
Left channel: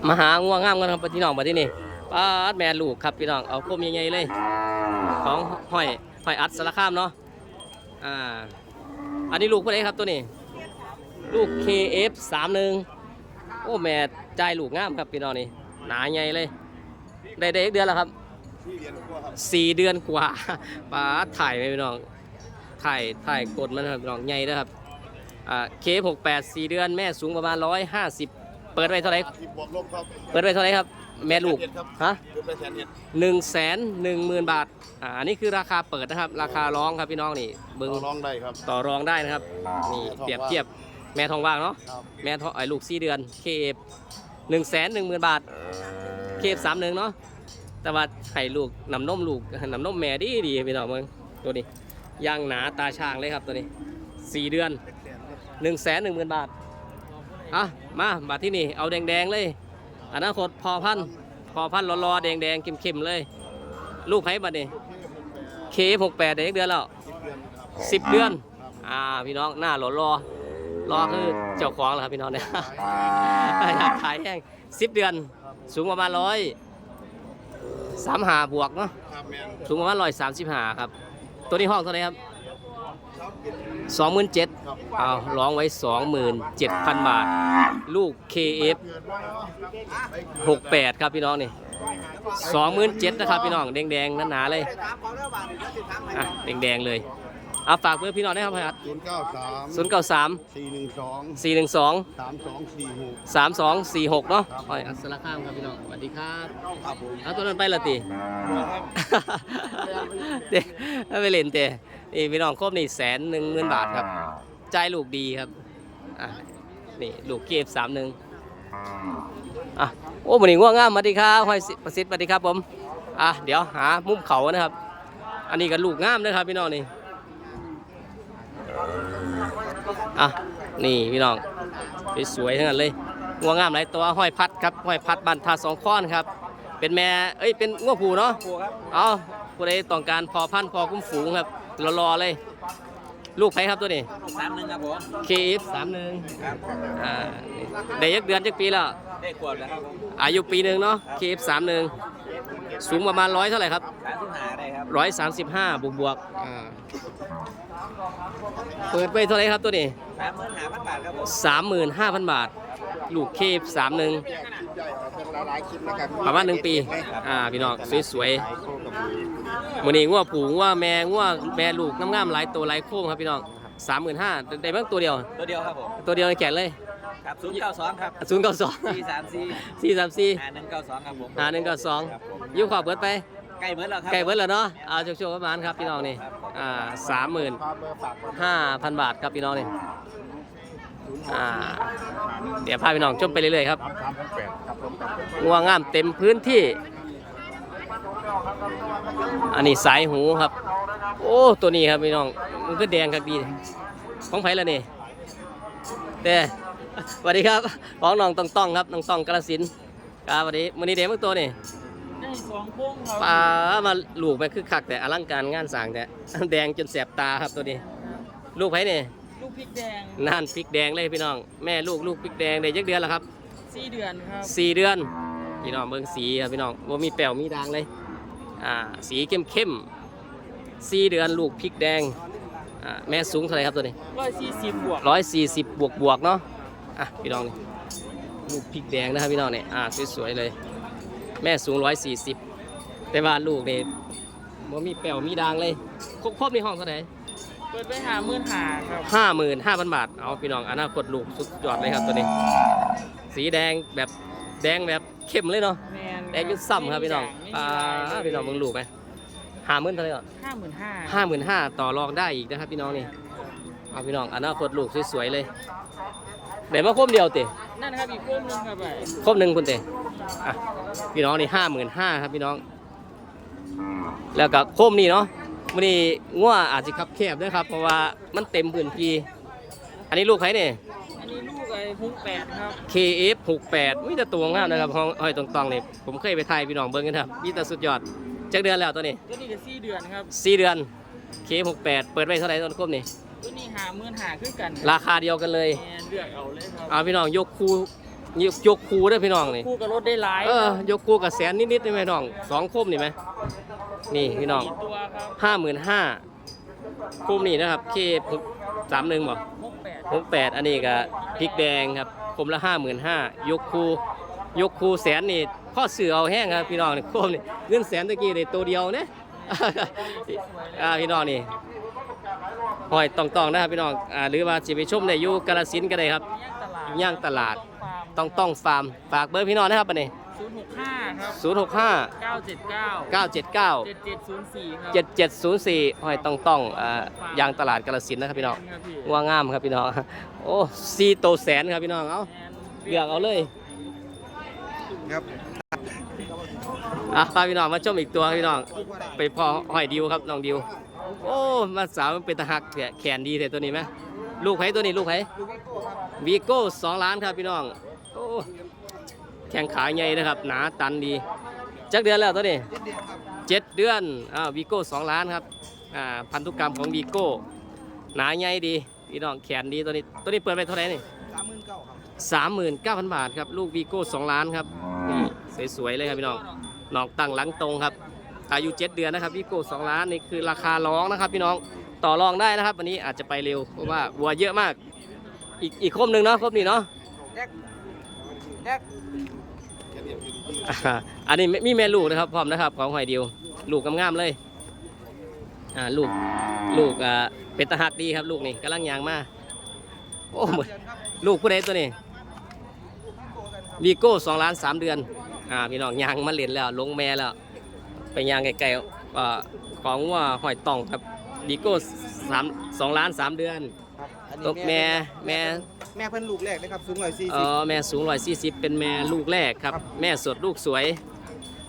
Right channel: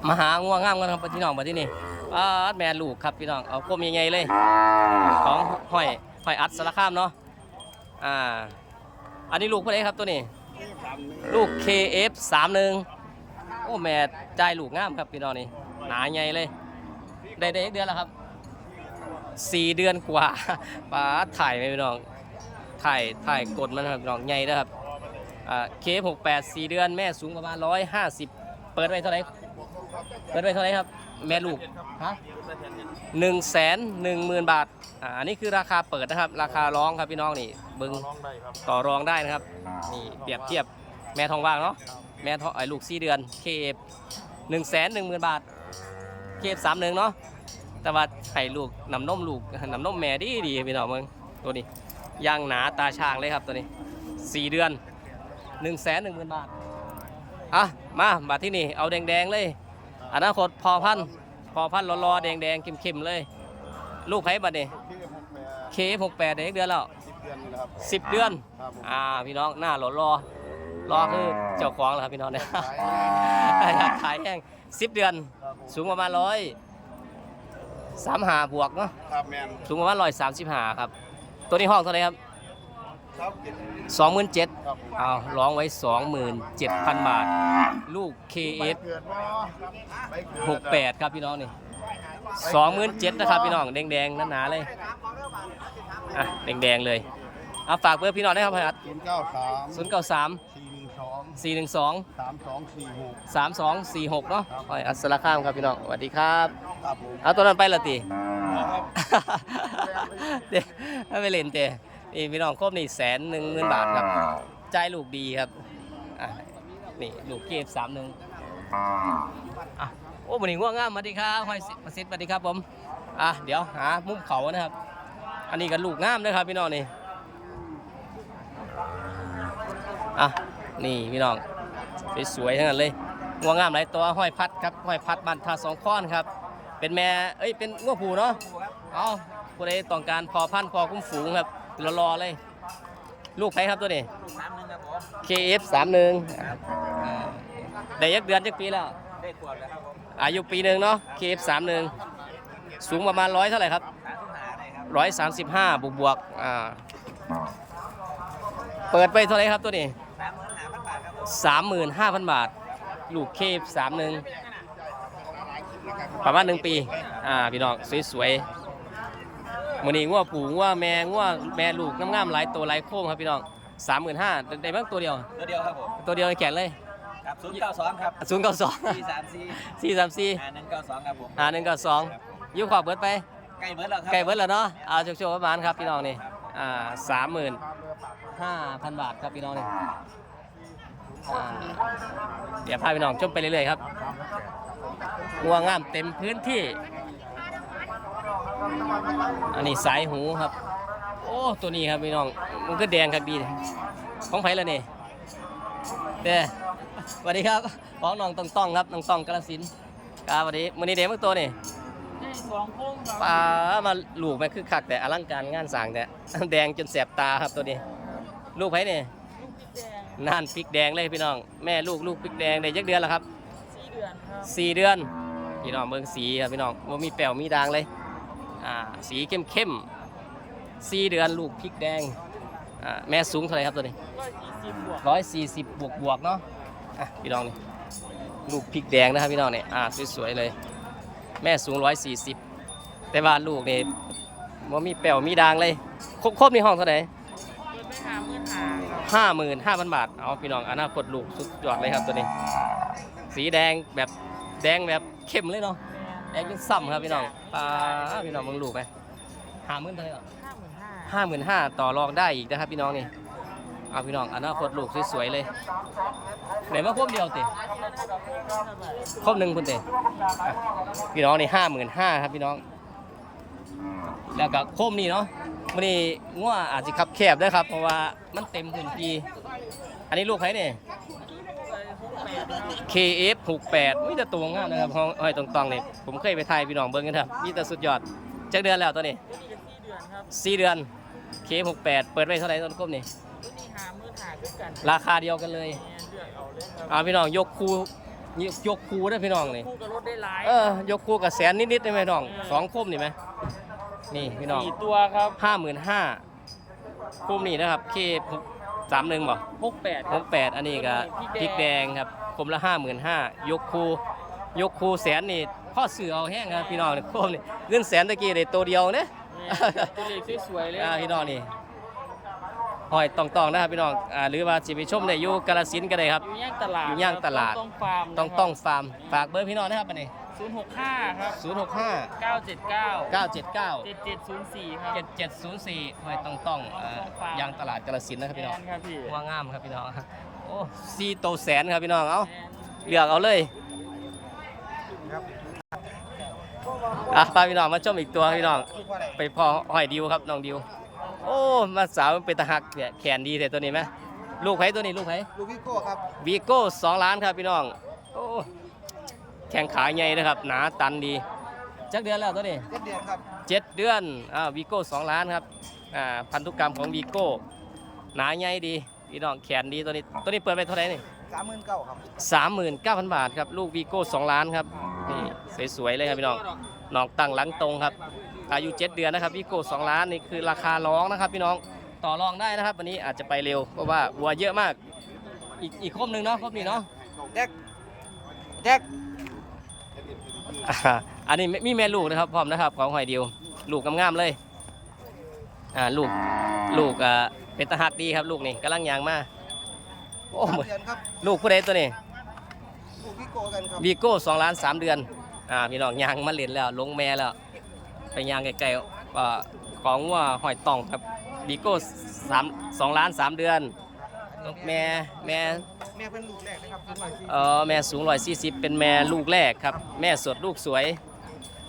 มาหาง่วงงามกันครับพี่น้องมาที่นี่ป้าดแม่ลูกครับพี่น้องเอาคมใหญ่ๆเลย ของหอยหอยอัดสารคามเนาะอ่าอันนี้ลูกผู้ใดครับตัวนี้ ลูก KF31 โอ้แม่ใจายลูกงามครับพี่น้องนี่หนาใหญ่เลย ได้ได้อีกเดือนแล้วครับสี่เดือนกว่าป้าดถ่ายไหมพี่น้องถ่ายถ่ายกดมันครับพี่น้องใหญ่นะครับอ่าเคหกแปดสี่เดือนแม่สูงประมาณร้อยห้าสิบเปิดไว้เท่าไหร่เปิดไว้เท่าไหร่ครับ แม่ลูกฮะหนึ่งแสนหนึ่งหมื่นบาทอ่าอันนี้คือราคาเปิดนะครับ ราคาร้องครับพี่น้องนี่เบึงลองได้ครับต่อรองได้นะครับ นี่เปรียบเทียบแม่ทองว่างเนาะ แม่ทองไอ้ลูกสี่เดือน เคหนึ่งแสนหนึ่งหมื่นบาท เคสามหนึ่งเนาะ แต่ว่าให้ลูกนำนมลูกนำนมแม่ดีดีพี่น้องมึงตัวนี้ย่างหนาตาช่างเลยครับตัวนี้สี่เดือนหนึ่งแสนหนึ่งหมื่นบาท อะ มาบาทที่นี่เอาแดงๆเลยอนาคตพอพันพอพันธุ์รอๆแดงๆเข้มๆเลย ลูกไผ่บัดนี้เคหกแปดเด็กเดือนแล้วสิบเดือน อ่าพี่น้องหน้าหล่อรอ รอคือเจ้าของแล้วครับพี่น้องเนี่ย อยากขายแห้งสิบเดือน สูงประมาณร้อยสามหาบวกเนาะครับแมนสูงประมาณร้อยสามสิบหาครับ ตัวนี้ห้องเท่าไหร่ครับครับกินสองหมื่นเจ็ดครับเอาร้องไว้สองหมื่นเจ็ดพันบาท ลูก KF เกิดมาไปเกิดหกแปดครับพี่น้องนี่สองหมื่นเจ็ดนะครับพี่น้องแดงๆหนาๆเลยอะแดงๆเลย เอาฝากเบอร์พี่น้องได้ครับพี่อัดศูนย์เก้าสามศูนย์เก้าสามสี่หนึ่งสองสี่หนึ่งสองสามสองสี่หกสามสองสี่หกเนาะครับอ้อยอัสสลาข้ามครับพี่น้องสวัสดีครับครับผมเอาตัวนั้นไปละตีเด้ไม่ไปเล่นเตะนี่พี่น้องครบนี่แสนหนึ่งหมื่นบาทครับจ่ายลูกดีครับอะนี่ลูกเก็บสามหนึ่งอะโอ้มันนี่ง่วงงามสวัสดีครับห้อยสิประสิทธิ์สวัสดีครับผมอะเดี๋ยวหามุมเขานะครับ อันนี้ก็ลูกงามนะครับพี่น้องนี่ อะนี่พี่น้องสวยๆทั้งนั้นเลยง่วงงามหลายตัวห้อยพัดครับห้อยพัดบันทาสองข้อนครับ เป็นแม่เอ้ยเป็นง้วผูเนาะเอาผู้ใดต้องการพอพันธุ์พอคุ้มฝูงครับรอๆเลย ลูกไผครับตัวนี้สามหนึ่งครับผม KF 3 1อ่าได้ยักเดือนจักปีแล้วได้ขวดแล้วครับผมอายุปีหนึ่งเนาะ KF 3 1สูงประมาณร้อยเท่าไหร่ครับสามสิบห้าได้ครับร้อยสามสิบห้าบวกบวกๆอ่าเปิดไปเท่าไหร่ครับตัวนี้สาม หมื่นห้าพันบาทครับผมสามหมื่นห้าพันบาท ลูก KF 3 1ประมาณหนึ่งปี อ่า พี่น้องสวยๆมือนี้งัวผูงัวแม่งัวแม่ลูกงามๆหลายตัวหลายโค้งครับพี่น้องสามหมื่นห้าได้เบ้างตัวเดียว ตัวเดียวครับผมตัวเดียวในแขนเลยครับศูนย์เก้าสองครับศูนย์เก้าสองสี่สามสี่สี่สามสี่ห้าหนึ่งเก้าสองครับผมหาหนึ่งเก้าสองครับผมยิ้วขอบเบิดไปใกล้เบิร์ดแล้วครับไก่เบิดแล้วเนาะเอาโชคๆประมาณครับพี่น้องนี่อ่าสามหมื่นห้าพันบาทครับพี่น้องนี่ อ่าเดี๋ยวพาพี่น้องชมไปเรื่อยๆครับงัวงามเต็มพื้นที่ อันนี้สายหูครับ โอ้ตัวนี้ครับพี่น้องมันก็แดงครับดี ของไผ่ละนี่เด้สวัสดีครับของน้องต้องต้องครับน้องต้องกระสินธุ์ครับสวัสดีมื้อนี้เด็กเมื่อตัวนี่ปลามาลูกแม่คือคักแต่อลังการงานสร้างแต่แดงจนแสบตาครับตัวนี้ ลูกไผนี่ลูกพริกแดง น่านพริกแดงเลยพี่น้อง แม่ลูกลูกพริกแดงได้ยักเดือนแล้วครับสี่เดือนครับสี่เดือน พี่น้องเบิ่งสีครับพี่น้องว่ามีแป๋วมีด่างเลยอ่าสีเข้มเข้มๆสี่เดือนลูกพริกแดงอ่าแม่สูงเท่าไหร่ครับตัวนี้ร้อยสี่สิบบวกร้อยสี่สิบบวกบวกๆเนาะอะพี่น้องนี่ลูกพริกแดงนะครับพี่น้องนี่อ่าสวยๆเลย แม่สูงร้อยสี่สิบแต่ว่าลูกนี่ว่ามีแป๋วมีด่างเลยครบครบในห้องเท่าไหร่เปิด ไปหาหมื่นหาครับห้าหมื่นห้าพันบาท เอาพี่น้องอนาคตลูกสุดยอดเลยครับตัวนี้ สีแดงแบบแดงแบบเข้มเลยเนาะ แมนแดงจนซ้ำครับพี่น้องอ่าพี่น้องมึงลูกไหมห้าหมื่นเท่าไหร่ก่อนห้าหมื่นห้าห้าหมื่นห้าต่อรองได้อีกนะครับพี่น้องนี่ เอาพี่น้องอนาคตลูกสวยๆเลยเดี๋ยวมาครบเดียวตินั่นนะครับอีกเรื่องนึงครับครบหนึ่งคุณเตอะพี่น้องนี่ห้าหมื่นห้าครับพี่น้อง แล้วก็โคมนี่เนาะ มันนี่ง่วอาจจะขับแคบด้วยครับ เพราะว่ามันเต็มพื้นที่อันนี้ลูกใครเนี่ย อันนี้ลูกไอ้ฮุกแปดครับ KF 68มีแต่ตัวงามนะครับห้องห้อยตรงๆนี่ผมเคยไปถ่ายพี่น้องเบิ่งกันครับมีแต่สุดยอดจักเดือนแล้วตัวนี้ตัวนี้ก็สี่เดือนครับสี่เดือน K68 เปิดไว้เท่าไหร่ต้นครบนี่ตัวนี้หาหมื่นหาคือกันราคาเดียวกันเลยแมนเลือกเอาเลยครับเอาพี่น้องยกคูยกยกคูได้อพี่น้องนี่คู่กับรถได้หลายเออยกคูกับแสนนิดๆได้ไหมน้องสองคมนี่ไหม นี่พี่น้องกี่ตัวครับห้าหมื่นห้าคุมนี่นะครับ K สามหนึ่งบ่ฮุกแปดหกแปดอันนี้ก็พริกแดงครับคมละห้าหมื่นห้ายกคูยกคูแสนนี่พ่อเสือเอาแห้งครับพี่น้องนี่โคมนี่เงินแสนตะกี้ได้ตัวเดียวเนี่ยตัวนี้สวยๆเลยอ่าพี่น้องนี่หอยตองๆนะครับพี่น้องอ่าหรือว่าสิไปชมในอยู่กาลสินธุ์ก็ได้ครับอยู่ย่างตลาดอยู่ย่างตลาดต้องฟาร์มต้องต้องฟาร์มฝากเบอร์พี่น้องนะครับอันนี้ ศูนย์หกห้าครับศูนย์หกห้าเก้าเจ็ดเก้าเก้าเจ็ดเก้าเจ็ดเจ็ดศูนย์สี่ครับเจ็ดเจ็ดศูนย์สี่หอยต้องต้องอ่าต้องฟาร์มยางตลาดกาลสินธุ์นะครับพี่น้องแมครับพี่ว่างามครับพี่น้องโอ้ซีโตแสนครับพี่น้องเอาแมนเลือกเอาเลยอะพาพี่น้องมาชมอีกตัวพี่น้อง ไปพอหอยดิวครับน้องดิว โอ้มาสาวมันเป็นตะหักแขแขนดีแต่ตัวนี้ไหมลูกไผ่ตัวนี้ลูกไผ่ลูกวิโก้ครับวีโก้สองล้านครับพี่น้อง โอ้ แข่งขาใหญ่นะครับหนาตันดีจักเดือนแล้วตัวนี้รถเดียวครับเจ็ดเดือนอ้าววีโก้สองล้านครับอ่าพันธุกรรมของวีโก้หนาใหญ่ดีพี่น้องแขนดีตัวนี้ตัวนี้เปิดไปเท่าไหร่นี่สามหมื่นเก้าครับสามหมื่นเก้าพันบาทครับลูกวีโก้สองล้านครับนี่สวยๆเลยครับพี่น้องน้องตั้งหลังตรงครับ อายุเจ็ดเดือนนะครับวีโก้สองล้านนี่คือราคาร้องนะครับ พี่น้องต่อรองได้นะครับ วันนี้อาจจะไปเร็วเพราะว่าวัวเยอะมาก อีกอีกครบหนึ่งเนาะครบนี่เนาะแดกอ่า อันนี้มีแม่ลูกนะครับพร้อมนะครับของหอยเดียว ลูกงามๆเลยอ่าลูกลูกอ่าเป็นตาหักดีครับ ลูกนี่กำลังยางมาโอ้เหมือนเดือนครับลูกผู้ใดตัวนี้บีโก้สองล้านสามเดือนอ่าพี่น้องยางมาเล่นแล้ว ลงแม่แล้วไปยางไกลๆของว่าหอยต่องครับวีโก้สามสองล้านสามเดือน ลูกแม่แม่แม่เพิ่นลูกแรกนะครับสูงหน่อยสี่เออแม่สูงร้อยสี่สิบเป็นแม่ลูกแรกครับ แม่สดลูกสวย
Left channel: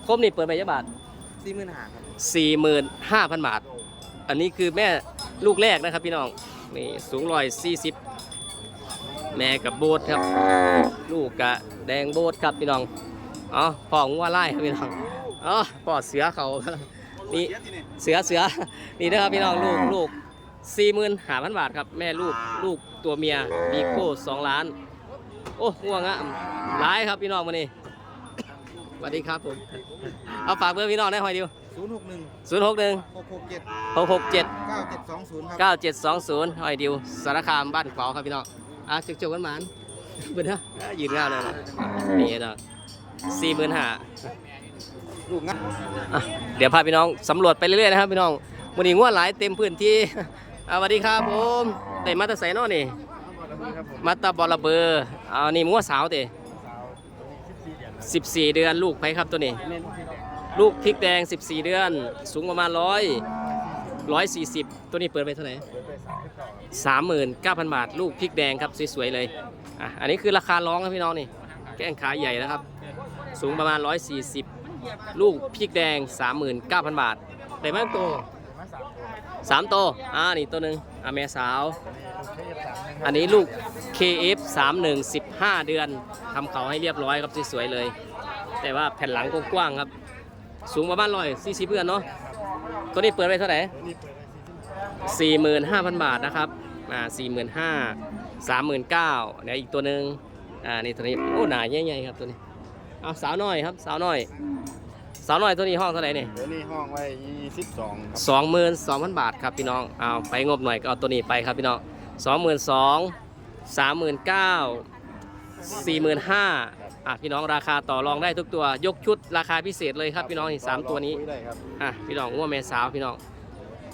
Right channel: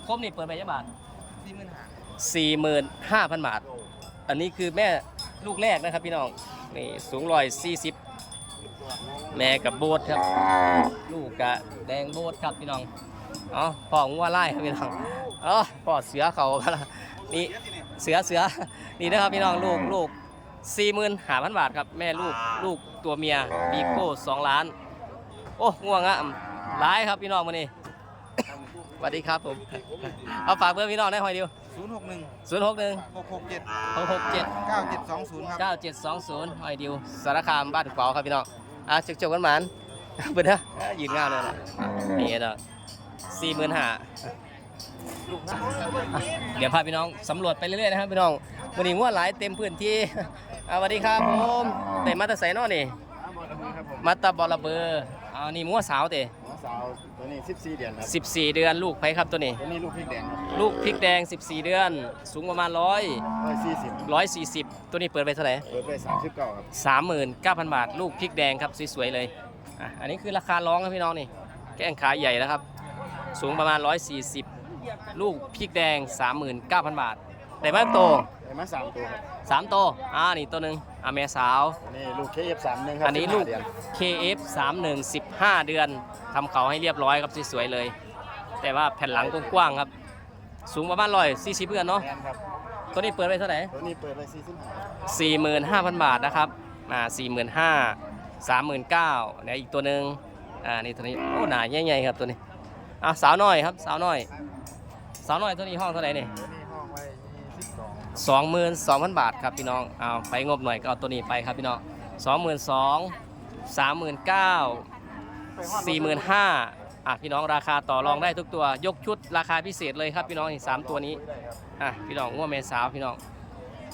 ครบนี่เปิดไปยะบาทสี่หมื่นห้าครับสี่หมื่นห้าพันบาท อันนี้คือแม่ลูกแรกนะครับพี่น้องนี่สูงร้อยสี่สิบแม่กับโบสครับ ลูกกะแดงโบสครับพี่น้องอ๋อพ่องัวไล่ครับพี่น้องอ๋อพ่อเสือเขานี่เสือเสือนี่นะครับพี่น้องลูกลูก สี่หมื่นห้าพันบาทครับ แม่ลูกลูกตัวเมียบีโก้สองล้าน โอ้ง่วงอะร้ายครับพี่น้องมานี่สวัสดีครับผม เอาฝากเบอร์พี่น้องได้หอยเดียวศูนย์หกหนึ่งศูนย์หกหนึ่งหกหกเจ็ดหกหกเจ็ดเก้าเจ็ดสองศูนย์ครับเก้าเจ็ดสองศูนย์หอยดิวสารคามบ้านขวาวครับพี่น้องอะจุกจุกกันหมานเปิดนะอะยืนงามเลยนะอะนี่เนาะสี่หมื่นห้าลูกนะเดี๋ยวพาพี่น้องสำรวจไปเรื่อยๆนะครับพี่น้องวันนี้งวดหลายเต็มพื้นที่อะ สวัสดีครับผมเตะมาแตะใส่นอนี่ครับผมมาตาบอลเบอร์อ่านี่มัวสาวเตะสาวตัวนี้สิบสี่เดือนครับสิบสี่เดือนลูกไผครับตัวนี้ ตัวนี้ลูกพริกแดงลูกพริกแดง 14 เดือน สูงประมาณร้อยร้อยสี่สิบร้อยสี่สิบตัวนี้เปิดไปเท่าไหร่ เปิดไปสามสิบเก้าครับสามหมื่นเก้าพันบาท ลูกพริกแดงครับสวยๆเลยอะอันนี้คือราคาร้องครับพี่น้องนี่ แก้งขาใหญ่นะครับ สูงประมาณ 140 ลูกพริกแดง 39,000 บาทได้มากโต ได้มาสามตัวสามโตวอ่านี่ตัวหนึ่งอ่าแม่สาวอันนี้ลูกเคเอฟสามหนึ่งครับอันนี้ลูก KF 31 15 เดือนทำเขาให้เรียบร้อยครับสวยๆเลย แต่ว่าแผ่นหลังกว้างๆครับ สูงประมาณร้อยสี่สิบเพื่อนเนาะแมนครับตัวนี้เปิดไปเท่าไหร่ ตัวนี้เปิดไปสี่สิบ45,000 บาทนะครับ อ่าสี่หมื่นห้าสามหมื่นเก้าเนี่ยอีกตัวหนึ่งอ่า นี่ตัวนี้ โอ้ หนาใหญ่ๆครับตัวนี้ อ่าสาวน้อยครับ สาวน้อย สาวน้อยตัวนี้ห้องเท่าไหร่นี่ตัวนี้ห้องไว้ยี่สิบสอง สองหมื่นสองพันบาทครับพี่น้องเอาไปงบหน่อยก็เอาตัวนี้ไปครับพี่น้องสองหมื่นสองสามหมื่นเก้าสี่หมื่นห้าอะพี่น้องราคาต่อรองได้ทุกตัวยกชุดราคาพิเศษเลยครับพี่น้องนี่สามตัวนี้อะพี่น้องง่วงแม่สาวพี่น้อง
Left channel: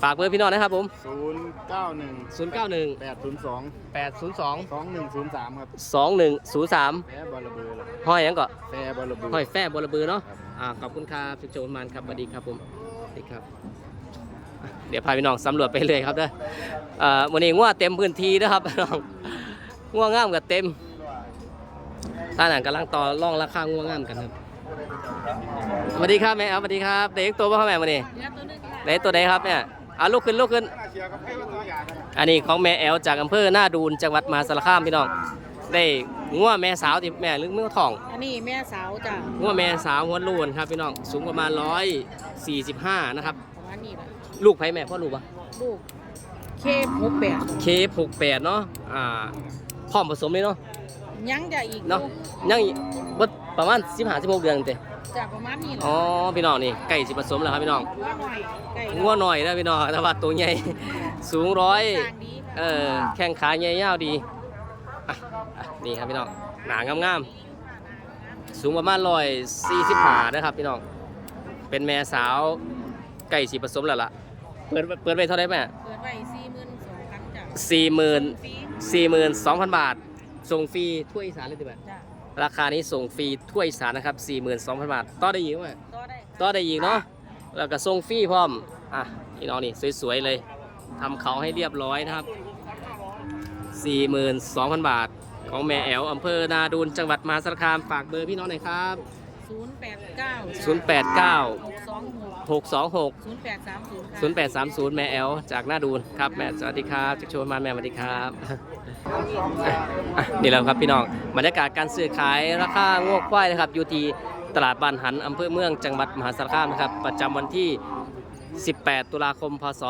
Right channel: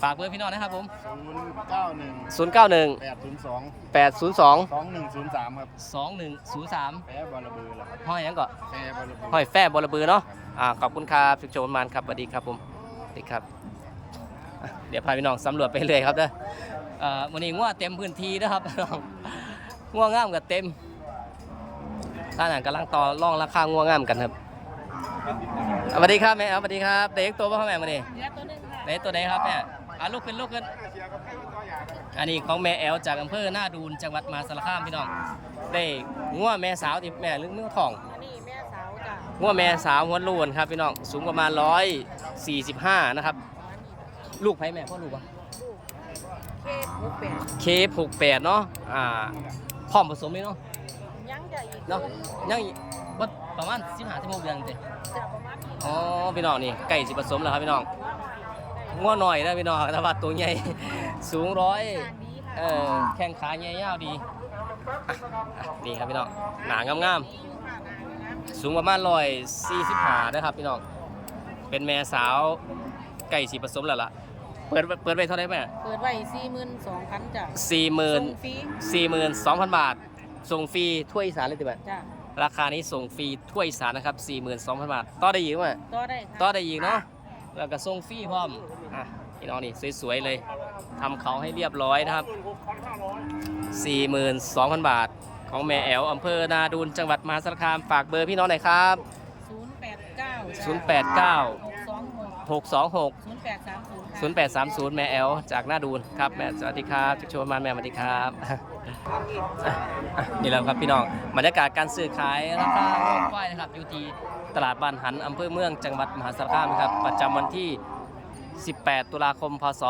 ฝากเบอร์พี่น้องนะครับผมศูนย์เก้าหนึ่งศูนย์เก้าหนึ่งแปดศูนย์สองแปดศูนย์สองสองหนึ่งศูนย์สามครับสองหนึ่งศูนย์สามแฟบอลเบอร์ละครับห้อยหยังก็แฟบอลเบอร์ห้อยแฝบอระเบือเนาะครับอ่าขอบคุณครับสุขโชว์มานครับสวัสดีครับผมสวัสดีครับอะ เดี๋ยวพาพี่น้องสำรวจไปเลยครับเด้อเอ่อวันนี้ง่วเต็มพื้นที่นะครับพี่น้องง่วงงามกับเต็มท่านอ่านกำลังต่อรองราคาง่วงงามกันครับสวัสดีครับแม่เอาสวัสดีครับเด็กตัวพ่อแม่มานี่เหลือตัวหนึงค่ะเด็กตัวไหนครับเนี่ยเอาลุกขึ้นลุกขึ้น อันนี้ของแม่แอลจากอำเภอหน้าดูนจังหวัดมหาสารคามพี่น้องได้ง่วแม่สาวที่แม่ลึกมือทอง อันนี้แม่สาวจ้ะหัวแม่สาวหัวลูนครับพี่น้องสูงประมาณ145นะครับอันนี้ล่ะ ลูกไผแม่พ่อลูกปะลูกเคหกแปดเคหกแปดเนาะอ่าพร้อมผสมเลยเนาะยังจะอีกเนาะยังอีกบ่ประมาณ15 16เดือนเต็จะประมาณนี้อ๋อพี่น้องนี่ใกล้สิผสมแล้วครับพี่น้องว่าหน่อยไก่งัวหน่อยนะพี่น้องแต่ว่าตัวใหญ่สูงร้อยต่างดีค่ะเออแข้งขาใหญ่ยาวดีอะอะนี่ครับพี่น้องหนางามๆสูงประมาณ145นะครับพี่น้องเป็นแม่สาวใกล้สิผสมแล้วล่ะ เปิดเปิดไว้เท่าไหร่แม่เปิดไว้สี่หมื่นสองพันจ้ะสี่หมื่นฟรีสี่หมื่นสองพันบาท ส่งฟรีทั่วอีสานเลยติบ่ะจ้ะราคานี้ส่งฟรีทั่วอีสานนะครับสี่หมื่นสองพันบาท ต่อได้อีกไหมก็ได้ค่ะต่อได้อีกเนาะ แล้วก็ส่งฟรีพร้อม อะพี่น้องนี่สวยๆเลยทำเขาให้เรียบร้อยนะครับสี่หมื่นสองพันบาท ของแม่แอลอำเภอนาดูนจังหวัดมหาสารคามฝากเบอร์พี่น้องหน่อยครับศูนย์แปดเก้าศูนย์แปดเก้า หก สองหกหกสองหกศูนย์แปดสามศูนย์ค่ะศูนย์แปดสามศูนย์แม่แอลจากหน้าดูนครับแม่สวัสดีครับจุกโชว์มาแม่สวัสดีครับอะอะนี่แหละครับพี่น้องบรรยากาศการซื้อขายราคาโงกควายนะครับอยู่ที่ตลาดบ้านหันอำเภอเมืองจังหวัดมหาสารคามนะครับประจำวันที่ 18 ตุลาคม พศ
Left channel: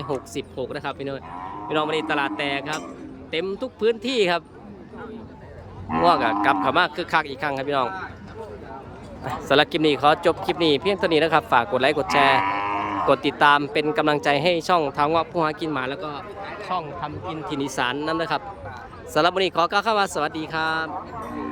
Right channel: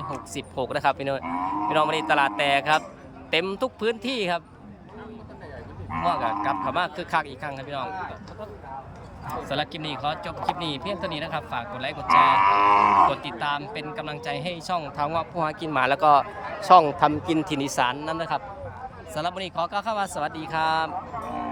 2566 นะครับพี่น้องพี่น้องวันนี้ตลาดแตกครับ เต็มทุกพื้นที่ครับง่วงกับกลับเข้ามาคึกคักอีกครั้งครับพี่น้องอะ สำหรับคลิปนี้ขอจบคลิปนี้เพียงเท่านี้นะครับ ฝากกดไลค์กดแชร์ กดติดตามเป็นกำลังใจให้ช่องทางว่าผู้หากินหมาแล้วก็ช่องทำกินถิ่นอีสานนั่นนะครับสำหรับวันนี้ขอกล่าวคำว่าสวัสดีครับ